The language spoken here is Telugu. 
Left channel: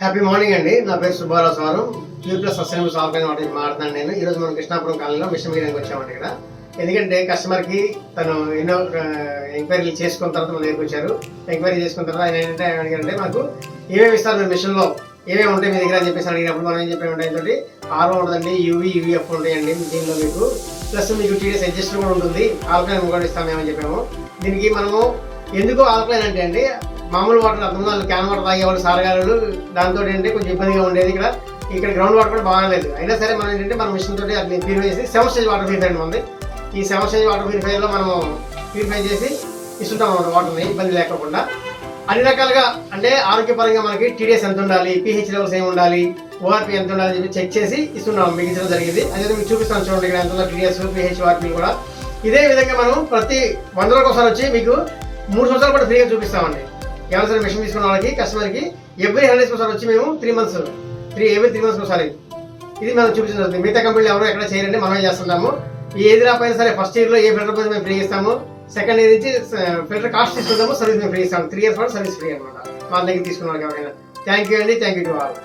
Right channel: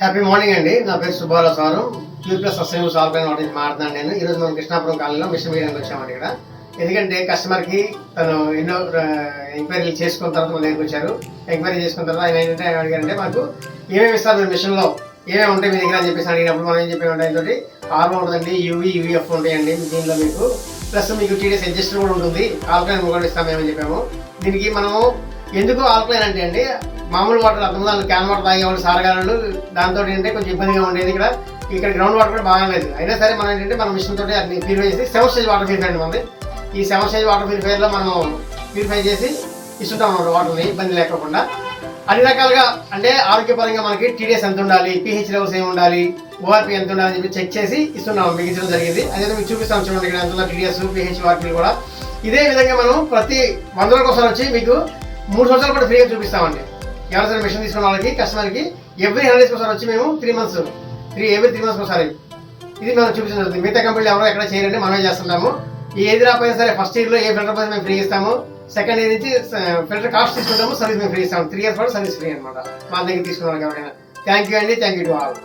హ్యాపీ మార్నింగ్ అండి. నా పేరు Subbarao sir. Pure plus sustainable solve వాటి నుంచి మాట్లాడుతున్నాను నేను. ఈరోజు మనం కృష్ణాపురం కాలనీలో మిషన్ వేయడానికి వచ్చామండి ఇక్కడ. ఎందుకంటే కస్టమర్కి తను ఎన్నో ఎంక్వైరీలు చేసుకున్న తర్వాత మన దగ్గరికి వచ్చారు. ఎంక్వైరీ చేసుకున్న తర్వాత ఆయన ఏంటంటే అడిగారంటే మాకు ఏమేమి ఇస్తారు మీరు మిషన్లో, ఏమేమి ఉంటాయి మీ దగ్గర అని చెప్పేసి అడిగినప్పుడు మనం ఏం చెప్పామంటే ఏంటంటే ఆర్ఓ ఉంటుందండి, యూవీఎఫ్ ఉంటాయండి దీనిలో మీకు, ప్లస్ మీకు టీడీఎస్ అడ్జస్టర్ కూడా ఉంటుంది, ఆల్కలైన్ కూడా ఇస్తామేమని చెప్పాము. దీనికి మనము ఎందుకు ఆల్కలైన్ అంటే అండి, మామూలు వాటర్ అంతకుముందు క్యాన్ వాటర్ తాగేవాళ్ళు సారగాలు, దాంతో ఏంటంటే కొంచెం ఇబ్బందిగా ఉండేది. ఇక్కడ గ్రౌండ్ వాటర్ కూడా బాగాలేదు. అయినా సరే మనం ఏంటంటే మన మిషన్ తోటి అది ప్యూరిఫై చేసి 7 స్టేజ్ వాటర్ ప్యూరిఫై ఉంది. ఈ 7 స్టేజ్ వాటర్ ప్యూరిఫైర్లో మనము ప్యూరిఫై చేసి ఇస్తుంటాం అన్నమాట వాటర్ని, ఇబ్బంది లేకుండా. అన్ని రకాలుగా అంటే ఆరోగ్యపరంగా మనకి టీడీఎస్ ఎంత ఉండాలి, పీహెచ్ లెవెల్స్ ఏమి ఉండాలి, ఓఆర్పీ ఎంత ఉండాలని చెప్పి చెక్ చేసి ఇస్తున్నాం, మిగించడం జరిగింది. అదే మీకు చూపిస్తాను చూడండి, ఇక్కడ ఎంత ఉందో టీడీఎస్, పీహెచ్, ఓఆర్పీ కూడా. ఇదే విధంగా మనం ప్రతి 100 రోజులకు ఒకసారి వచ్చి మీకు 3 సంవత్సరాలు కూడా ఫ్రీగా చూపిస్తామండి. ఎవరైనా సరే మిషన్ తీసుకున్న వాళ్ళకి, కస్టమర్కి ఎవ్రీ 100 డేస్కి ఒకసారి వచ్చి మేము 3 మంత్స్ ఎవ్రీ 3 మంత్స్కి ఒకసారి ఇది మనం చూపించడం. మిగతా కంపెనీలు ఎవరో ఎక్కడ చేయరండి, మనమే చేస్తుంటాము. ఈ ఏది రాకపోయినా సరే ఫస్ట్ ఇయర్లో ఏ ఫిల్టర్ పోయినా మేము ఫ్రీ ఇస్తాము. సెకండ్ ఇయర్ నుంచి ఫిల్టర్ కాస్ట్ తీసుకుంటాము, సర్వీస్ మేము ఫ్రీ ఇస్తాము. 3 ఇయర్స్ కూడా సర్వీస్ ఫ్రీ అనమాట మా దగ్గర తీసుకున్న వాళ్ళకి ఎవరైనా. థ్యాంక్ యూ అండి, థ్యాంక్ యూ టు ఆల్.